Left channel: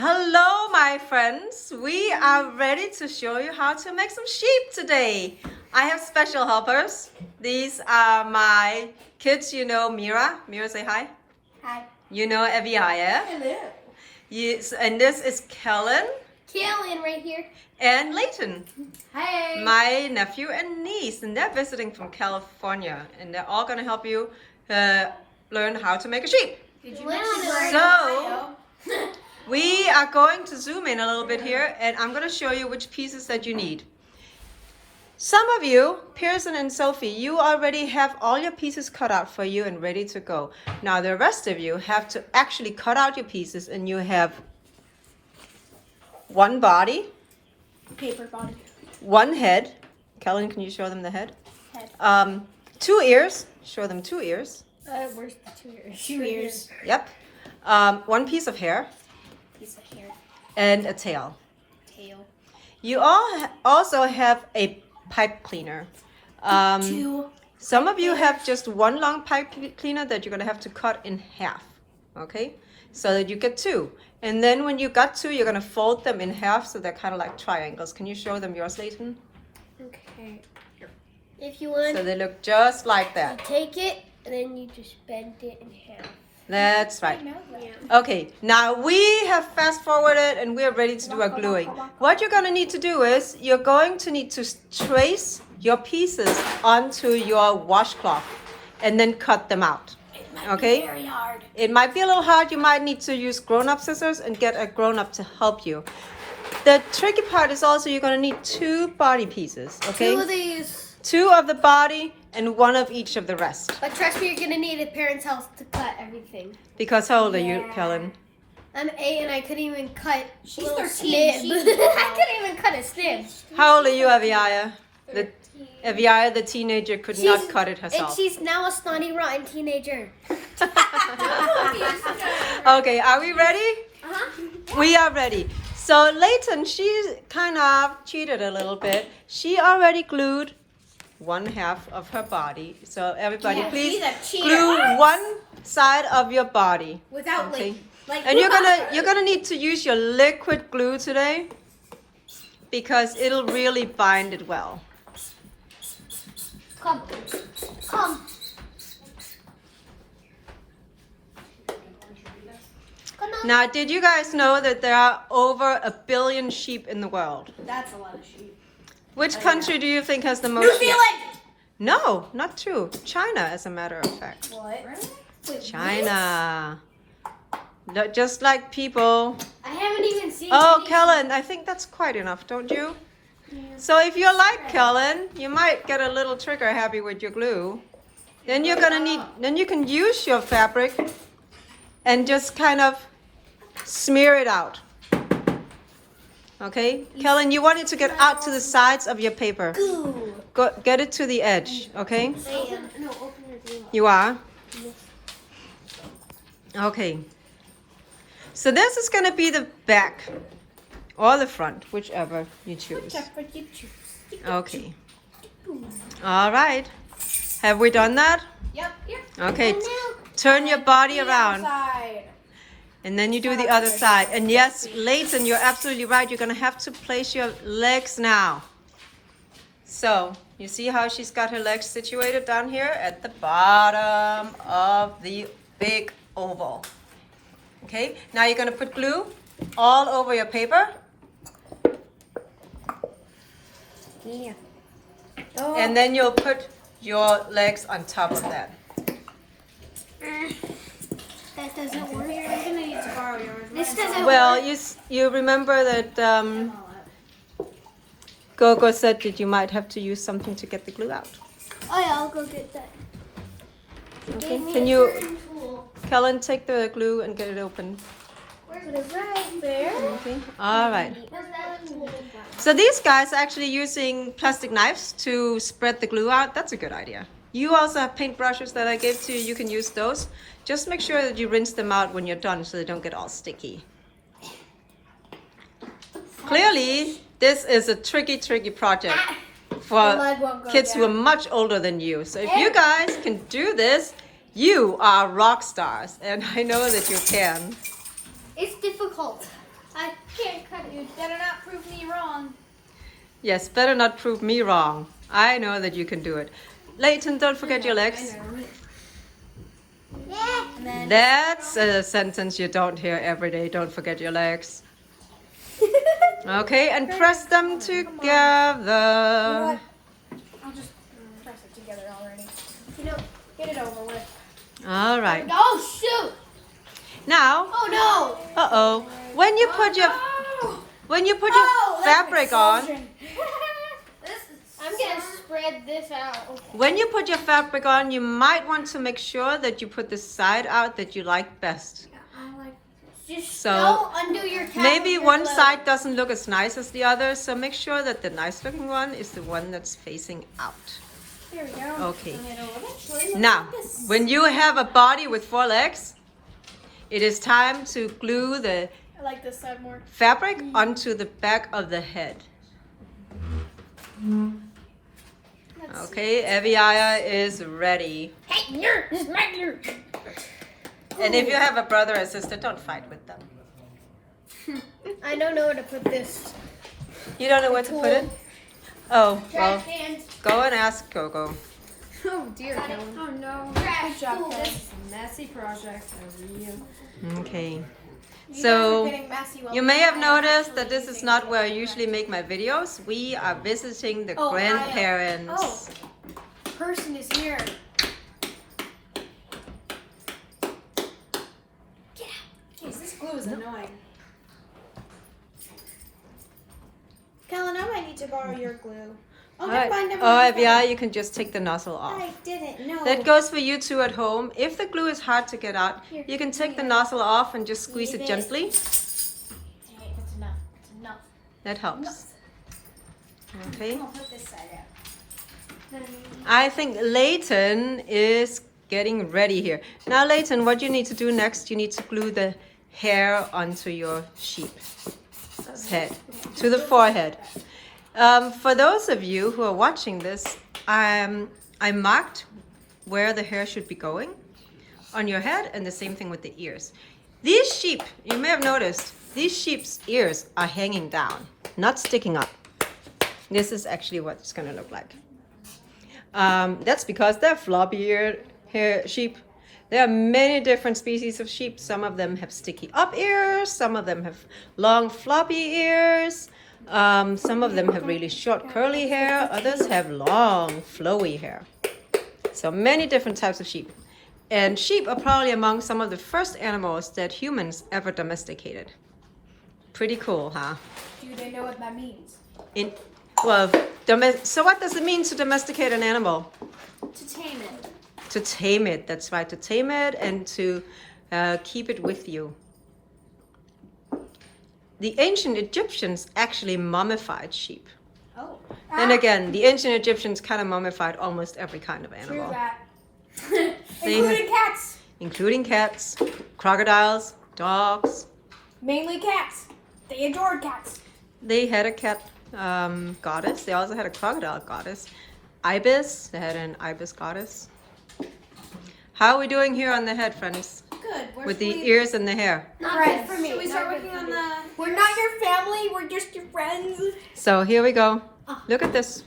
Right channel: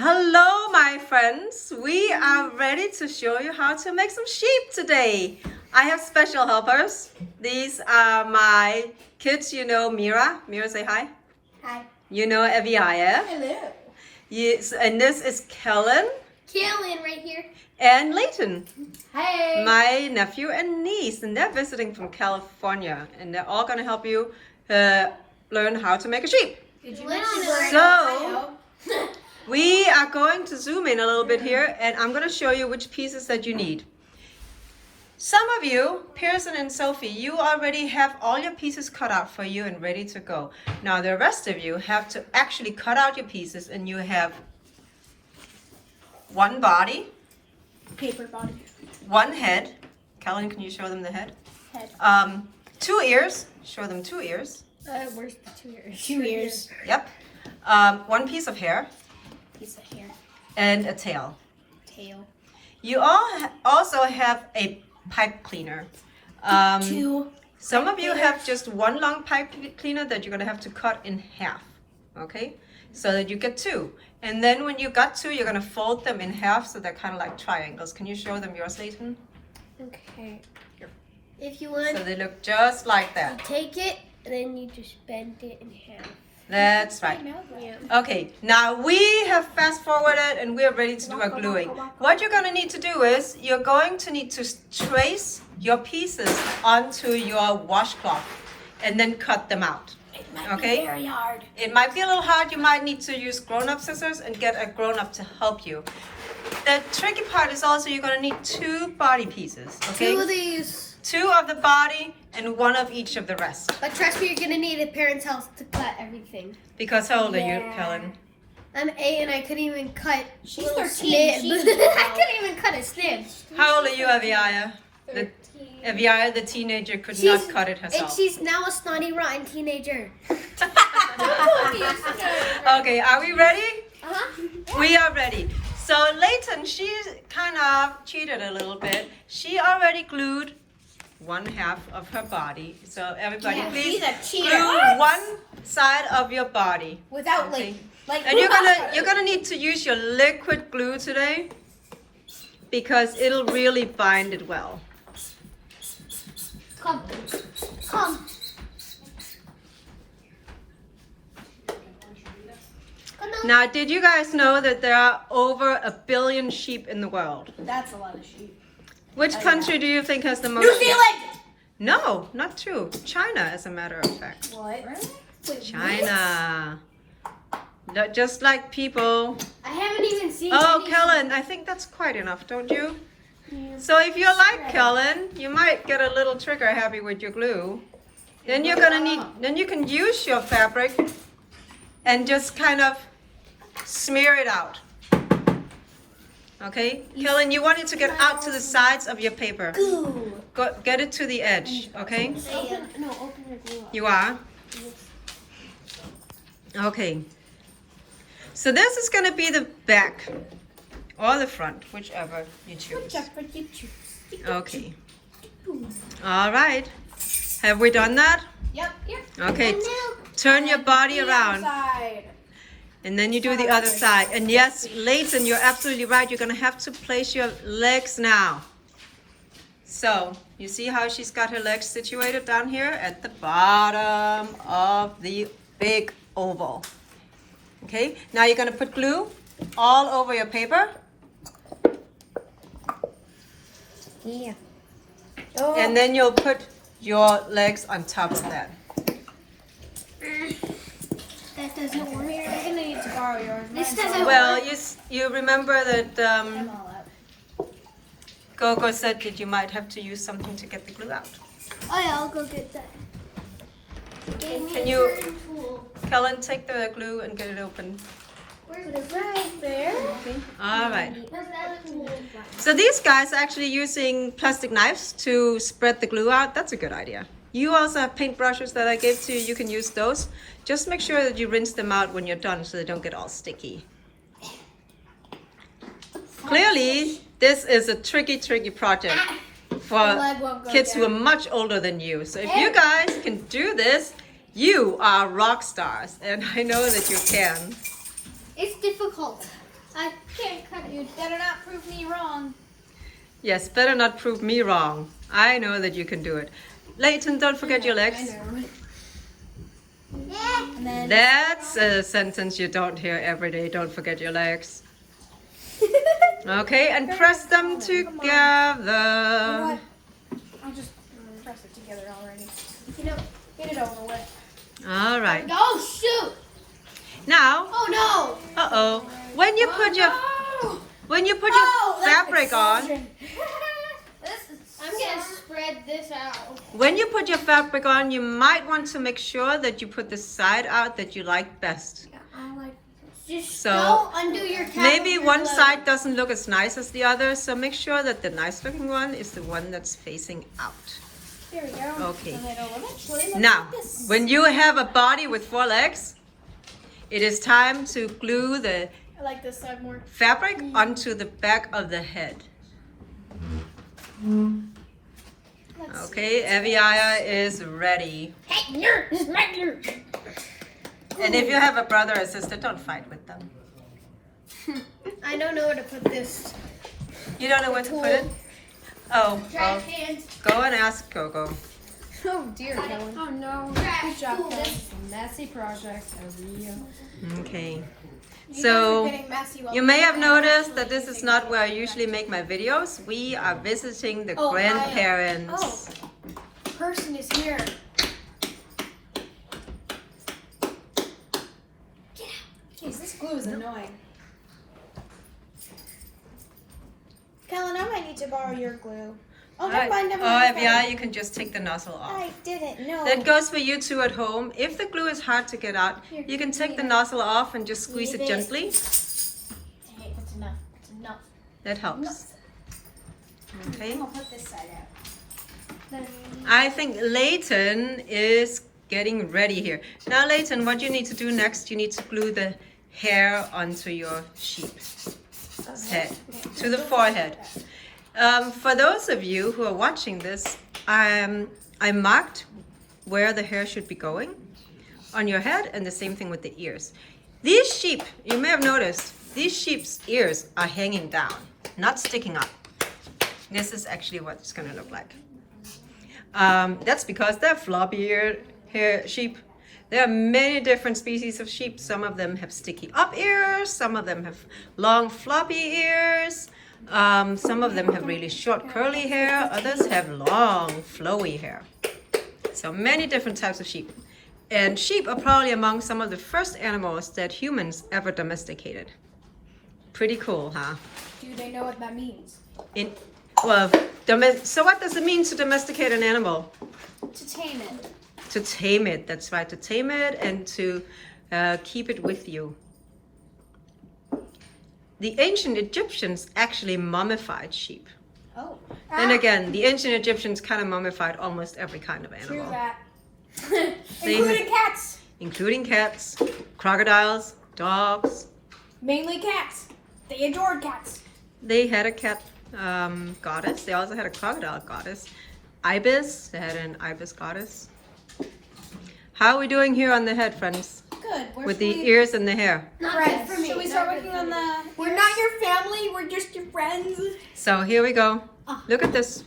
Hello, my friends. We are ready to show you how to make some sheep today. I have special helpers. These are my kids. You know Mira. Mira, say hi. Hi. You know Evia. Hello. Yes, and this is Kellen. Kellen right here. And Leighton. Hey. My nephew and niece, and they're visiting from California, and they're all gonna help you learn how to make a sheep. So we are going to zoom in a little bit here, and I'm gonna show you which pieces that you need. Some of you, Pearson and Sophie, you already have all your pieces cut out for you and ready to go. Now the rest of you have to actually cut out your pieces, and you have one body, Paper body. one head. Kellen, can you show them the head? Head. 2 ears. Show them 2 ears. Where's the 2 ears? 2 ears. Yep. One piece of hair. Piece of hair. And a tail. Tail. You all also have a pipe cleaner. 2. Some of you have just one long pipe cleaner that you're gonna have to cut in half. Okay, so that you get 2. And then when you got 2, you're gonna fold them in half so they're kind of like triangles. Can you show them yours, Leighton? Okay. If you want, So they look just like you that. take it and then you just bend it in half. That's right. Yeah. Okay, now we have fast forwarded and we're ready to do our gluing. What you're gonna need to do is you're going to need to trace your pieces onto your washcloth and then cut them out. Okay? Very hard. It might be a little hard. You might need to use grown-up scissors and get a grown-up to help you. The tricky part is also you're gonna need 2 body pieces. Okay? 2 of these. 2 of the body and 1 of each of the rest. But trust me, you're gonna need a parent's help to cut everything. Because how old are you, Kellen? I'm 8 and I couldn't even cut She's little 13. snib. She's I couldn't even cut a snib. How old are you, Aviaya? Aviaya, the teenager, could not cut it And herself. she's now a snotty, rotten teenager. Okay, are we ready? Uh-huh. We are ready. So Leighton, she kind of cheated a little bit. She already glued 1/2 of her body. So everybody, Yeah, please she's a cheater. glue one side of your body. Without Okay. like And you're gonna need to use your liquid glue today because it'll really bind it well. Come. Come. Now, did you guys know that there are over 1 billion sheep in the world? That's a lot of sheep. Which country do you think has the most? New Zealand! No, not true. China, as a matter of fact. What? China. Just like people. I haven't even seen Oh, any Kellen, I think that's quite enough, don't you? So if you're like Kellen, you might get a little trigger happy with your glue. Then you're gonna need, then you can use your fabric and just kind of smear it out. Okay, Kellen, you want it to get out to the sides of your paper. glue. Go, get it to the edge, okay? Open your glue up. You are? Okay. So this is gonna be the back or the front, whichever you choose. Okay. All right. Have we done that? Yep. Yep. Okay. Turn your body around. And then you do the other side. And yes, Leighton, you're absolutely right. You're going to have to place your legs now. So, you see how she's got her legs situated down here at the bottom of the big oval. Okay, now you're going to put glue all over your paper. Yeah. And then you'll put your legs on top of that. That doesn't work. We're gonna need to borrow yours. This doesn't Well, work. you remember that Gogo said that you might have to use something to get the glue out. Oh yeah, I'll go get that. Okay. Can you, Kellen, take the glue and get it open? Put it right there. Okay. All right. So these guys are actually using plastic knives to spread the glue out. That's a good idea. You also have paintbrushes that I gave to you. You can use those. Just make sure that you rinse them out when you're done so they don't get all sticky. Clearly, this is a tricky project for kids who are much older than you. So if you guys can do this, you are rock stars. And I know that you can. It's difficult. I can't cut you. Better not prove me wrong. Yes, better not prove me wrong. I know that you can do it. Leighton, don't forget your legs. I know. And then That's a sentence you don't hear every day. Don't forget your legs. Okay, and press them together. I'll just press it together already. You know, get it over with. All right. Oh shoot! Now, Oh no! uh-oh. When you put your fabric on, I'm gonna spread this out. when you put your fabric on, you might want to make sure that you put the side out that you like best. I like this. Just So, don't undo your cap Maybe with your one glove. side doesn't look as nice as the other, so make sure that the nice looking one is the one that's facing out. There we go. Okay. And it'll eventually look Now, like this. when you have a body with 4 legs, it is time to glue the I like this side more. fabric onto the back of the head. Let's Okay, Eviaya is ready. Hey, nerd! This is my nerd! And if you have a brother or sister, don't fight with them. I don't know where to put this. You don't know where to put it? Oh, well, Hands. go and ask Coco. Oh dear, Kellen. Oh no. Good job, Kellen. This is a messy project. Okay. So, you may have noticed that this is not where I usually make my videos. We are visiting the grandparents. Oh, person is here. Get out. Jeez, this glue is annoying. Kellen, I might need to borrow your glue. Oh, never mind, never mind. Yeah, you can just take the nozzle off. I didn't know. That goes for you two at home. If the glue is hard to get out, you can take the nozzle off and just squeeze it gently. Hey, that's enough. That's enough. That helps. Okay. I'm gonna put this side out. I think Leighton is getting ready here. Now, Leighton, what you need to do next, you need to glue the hair onto your sheep's head, to the forehead. For those of you who are watching this, I marked where the hair should be going on your head, and the same thing with the ears. These sheep, you may have noticed, these sheep's ears are hanging down, not sticking up. This is actually what it's going to look like. That's because they're floppy-eared sheep. There are many different species of sheep. Some of them have sticky up ears, some of them have long floppy ears. Some of them have really short curly hair, others have long flowy hair. So many different types of sheep. And sheep are probably among some of the first animals that humans ever domesticated. Pretty cool, huh? Do they know what that means? So what does it mean to domesticate an animal? To tame it. To tame it, that's right, to tame it and to keep it with you. The ancient Egyptians actually mummified sheep. Oh. And again, the ancient Egyptians kind of mummified almost every kind of True animal. that. They Including cats. Including cats, crocodiles, dogs. Mainly cats. They adored cats. They had a cat goddess. They also had a crocodile goddess. Ibis, they had an ibis goddess. How are we doing here on the head, friends? Good. With the ears and the hair. Friends. Should we start working on the... We're not your family. We're just your friends. So here we go. Look at this.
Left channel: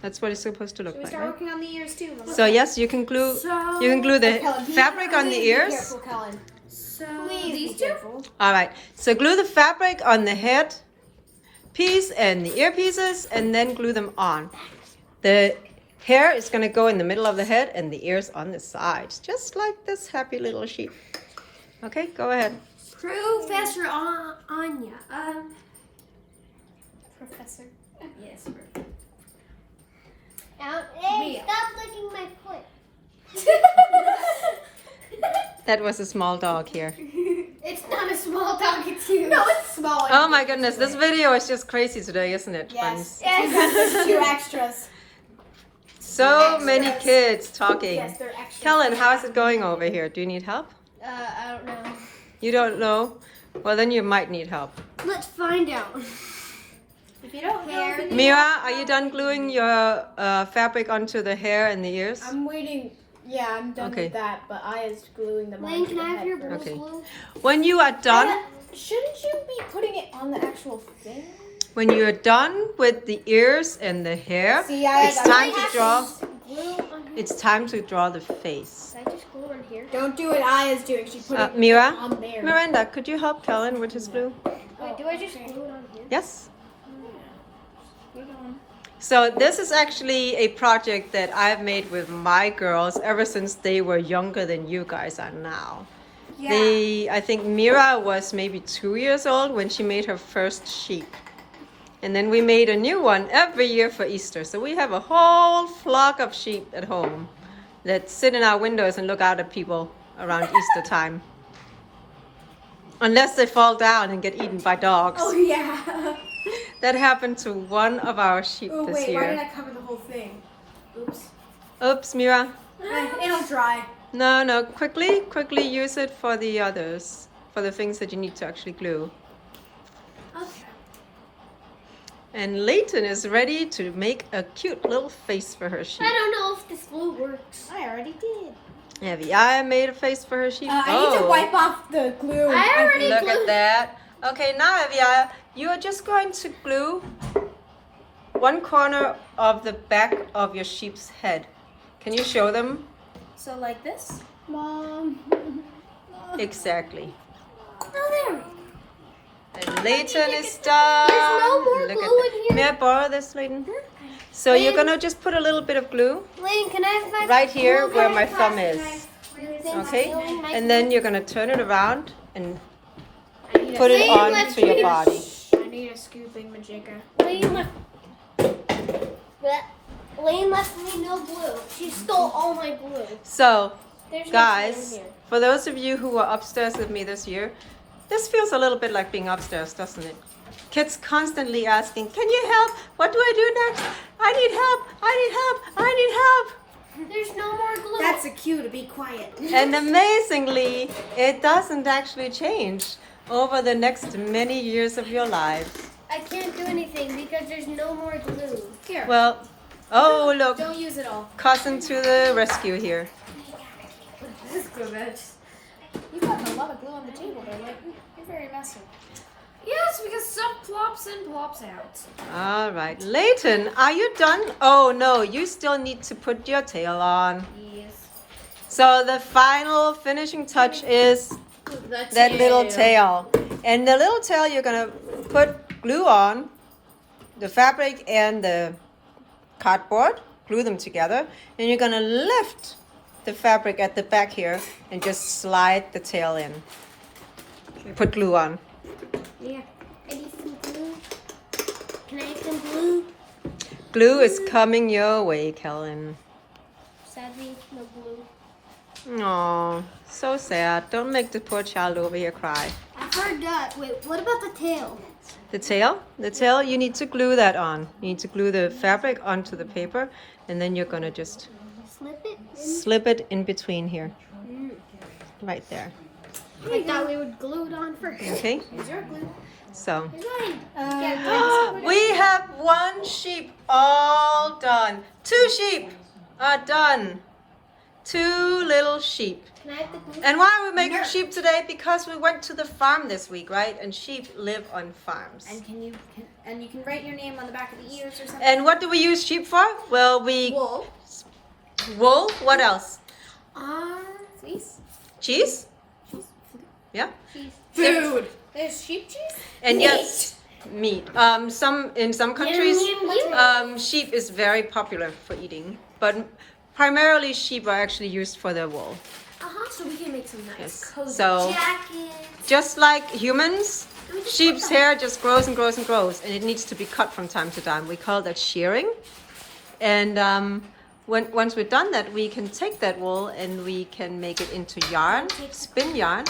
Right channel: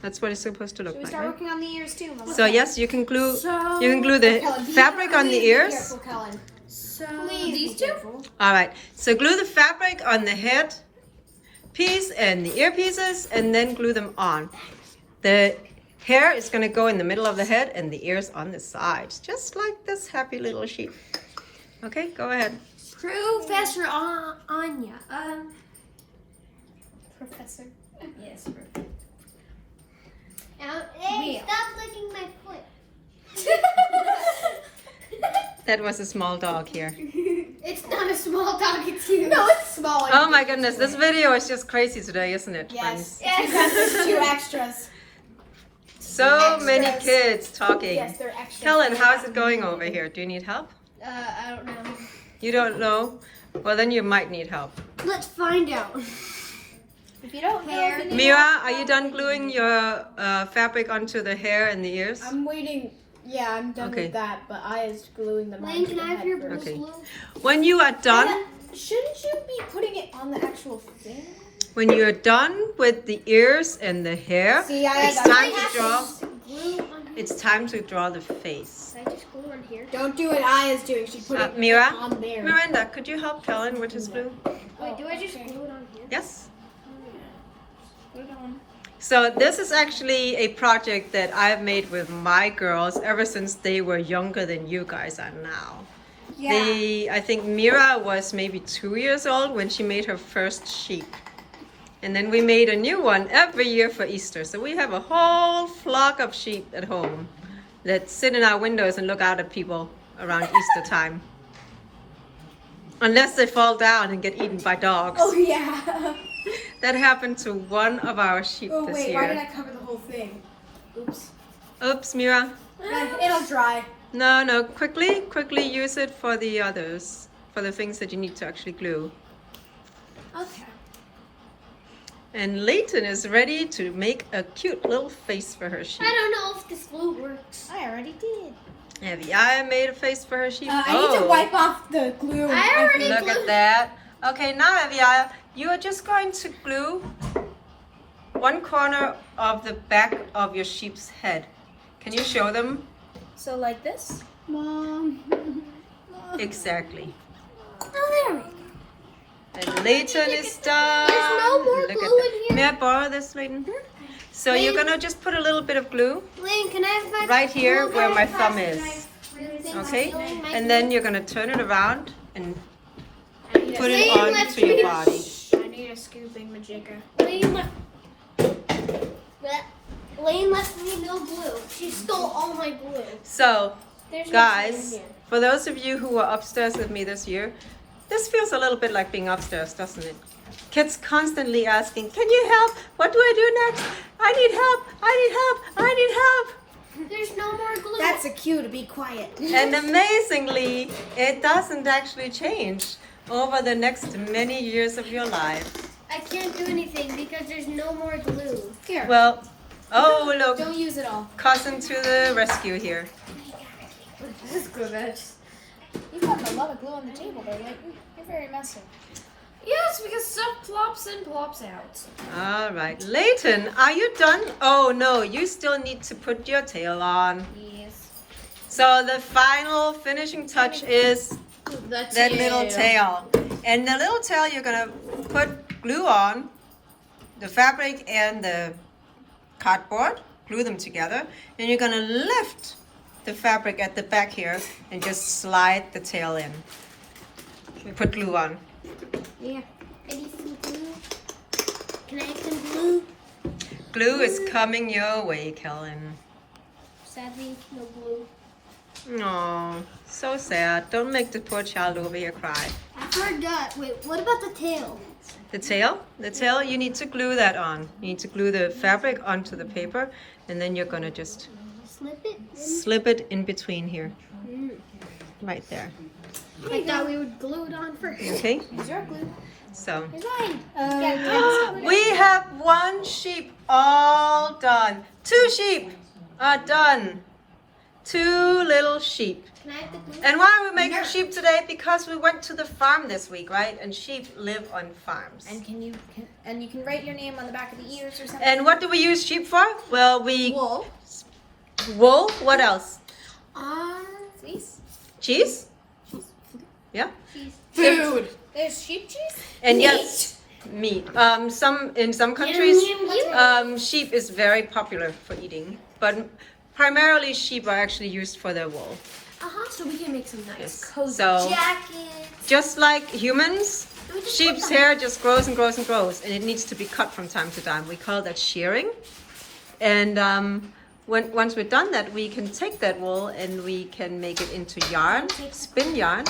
That's what it's supposed to look Should we like, start right? working on the ears too, Mama? So yes, you can glue the fabric on the ears. Careful, Kellen. So these two? All right. So glue the fabric on the head piece and the ear pieces, and then glue them on. The hair is going to go in the middle of the head and the ears on the sides, just like this happy little sheep. Okay, go ahead. Professor Anya. Professor. Yes. Hey, stop licking my foot. That was a small dog here. It's not a small dog, it's you. No, it's small. Oh my goodness, this video is just crazy today, isn't it, friends? Yes. There's 2 extras. So many kids talking. Yes, they're extras. Helen, how's it going over here? Do you need help? I don't know. You don't know? Well, then you might need help. Let's find out. If you don't know, Mira, are you done gluing your fabric onto the hair and the ears? I'm waiting. Yeah, I'm done Okay. with that, but I is gluing them Lane, onto can the I have head your first. blue Okay. glue? When you are done, Shouldn't you be putting it on the actual thing? When you're done with the ears and the hair, See, I it's got time it. to draw. Glue on here. It's time to draw the face. Can I just glue on here? Don't do what I is doing. She put it Mira, on there. Miranda, could you help Kellen with his glue? Wait, do I just glue it on here? Yes. Put it on. So this is actually a project that I've made with my girls ever since they were younger than you guys are now. Yeah. I think Mira was maybe 2 years old when she made her first sheep. And then we made a new one every year for Easter. So we have a whole flock of sheep at home that sit in our windows and look out at people around Easter time. Unless they fall down and get eaten by dogs. Oh yeah. That happened to one of our sheep Oh this wait, year. why did I cover the whole thing? Oops. Oops, Mira. It'll dry. No, quickly use it for the others, for the things that you need to actually glue. Okay. And Layton is ready to make a cute little face for her sheep. I don't know if this glue works. I already did. Have I made a face for her sheep? I need to wipe off the glue. I already Look at that. Okay, now Evia, you are just going to glue one corner of the back of your sheep's head. Can you show them? So like this? Mom. Exactly. Oh, there. And Layton is done. There's no more Look at glue that. in here. May I borrow this, Layton? So you're gonna just put a little bit of glue Lane, can I have my right here glue where gun? my thumb is. Okay? And then you're gonna turn it around and put it Lane onto left your me- body. I need a scooping majigger. Lane left. Lane left me no glue. She stole all my glue. So, There's no glue in guys, here. for those of you who were upstairs with me this year, this feels a little bit like being upstairs, doesn't it? Kids constantly asking, can you help? What do I do next? I need help. I need help. I need help. There's no more glue. That's a cue to be quiet. And amazingly, it doesn't actually change over the next many years of your life. I can't do anything because there's no more glue. Here. Well, oh look, Don't use it all. cousin to the rescue here. This is glue, Reg. You've got a lot of glue on the table, though. Like, you're very messy. Yes, because stuff plops in, plops out. All right, Layton, are you done? Oh no, you still need to put your tail on. Yes. So the final finishing touch is that little tail. And the little tail you're gonna put glue on, the fabric and the cardboard, glue them together, and you're gonna lift the fabric at the back here and just slide the tail in. You put glue on. Yeah. I need some glue. Can I have some glue? Glue is coming your way, Kellen. Sadly, no glue. Oh, so sad. Don't make the poor child over here cry. I forgot. Wait, what about the tail? The tail, you need to glue that on. You need to glue the fabric onto the paper, and then you're gonna just Slip it in. slip it in between here, right there. I thought we would glue it on first. Okay, Use your glue. so. Yeah. We have one sheep all done. 2 sheep are done. 2 little sheep. Can I have the glue? And why are we making sheep today? Because we went to the farm this week, right? And sheep live on farms. And you can write your name on the back of the ears or something. And what do we use sheep for? Well, we Wool. wool. What else? Fleece. Cheese. Yeah. Food. There's sheep cheese? And yes, meat. In some countries, sheep is very popular for eating, but primarily sheep are actually used for their wool. So we can make some nice Yes. cozy So jackets. just like humans, sheep's hair just grows and grows and grows, and it needs to be cut from time to time. We call that shearing. And once we've done that, we can take that wool and we can make it into yarn, spin yarn,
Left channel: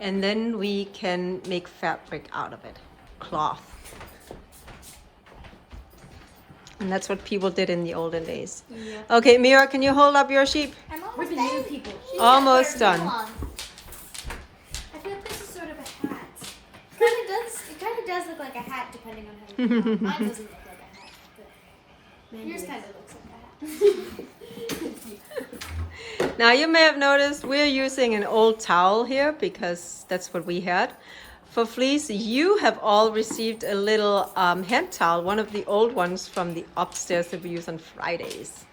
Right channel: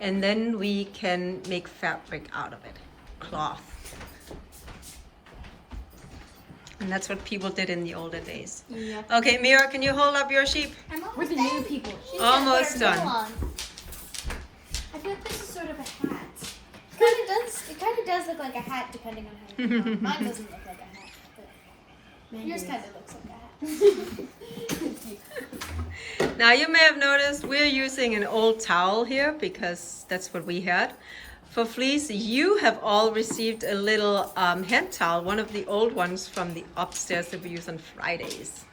and then we can make fabric out of it, cloth. And that's what people did in the olden days. Yeah. Okay, Mira, can you hold up your sheep? I'm almost new people. Almost done. I feel like this is sort of a hat. It kind of does look like a hat depending on how you draw it. Mine doesn't look like a hat. But yours kind of looks like a hat. Now you may have noticed we're using an old towel here because that's what we had. for fleece, you have all received a little hand towel, one of the old ones from the upstairs that we use on Fridays.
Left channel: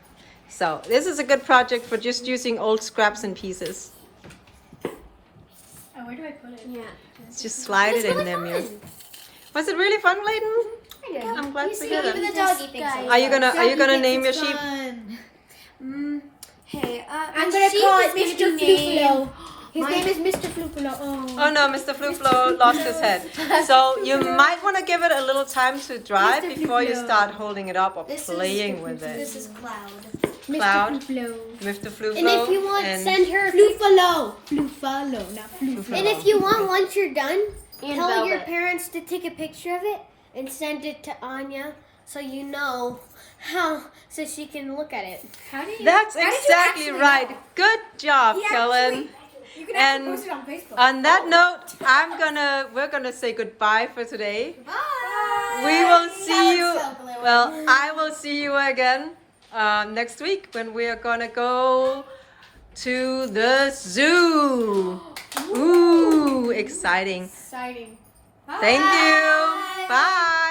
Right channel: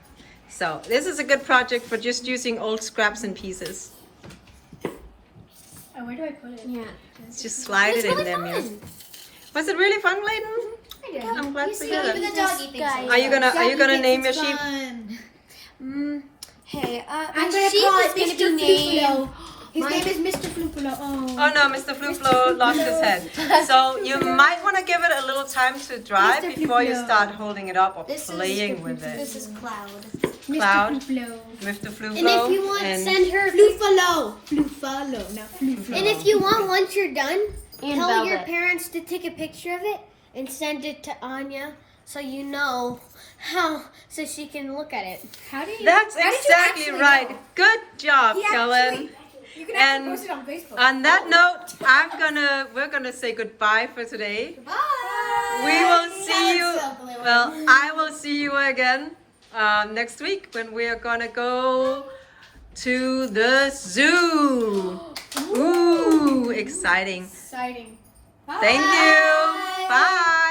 So this is a good project for just using old scraps and pieces. Oh, where do I put it? Yeah. Just slide it in there, Muse. Was it really fun, Layden? I'm glad to hear that. Are you gonna name your sheep? Hey, I'm gonna call it Mr. Fluflo. His name is Mr. Fluflo. Oh no, Mr. Fluflo lost his head. So you might want to give it a little time to dry before you start holding it up or playing with it. This is Cloud. Cloud, Mr. Mr. Fluflo, And if you want, send her Flufalo. Flufalo, not Fluflo. And if you want, once you're done, tell your velvet. parents to take a picture of it and send it to Anya so you know how, so she can look at it. How do you? That's how did you exactly actually right. know? Good job, He Kellen. actually- You can And actually post it on Facebook. on that note, we're gonna say goodbye for today. Bye. We will see you. So blue. Well, I will see you again next week when we are gonna go to the zoo. Ooh, exciting. Exciting. Thank you. Bye.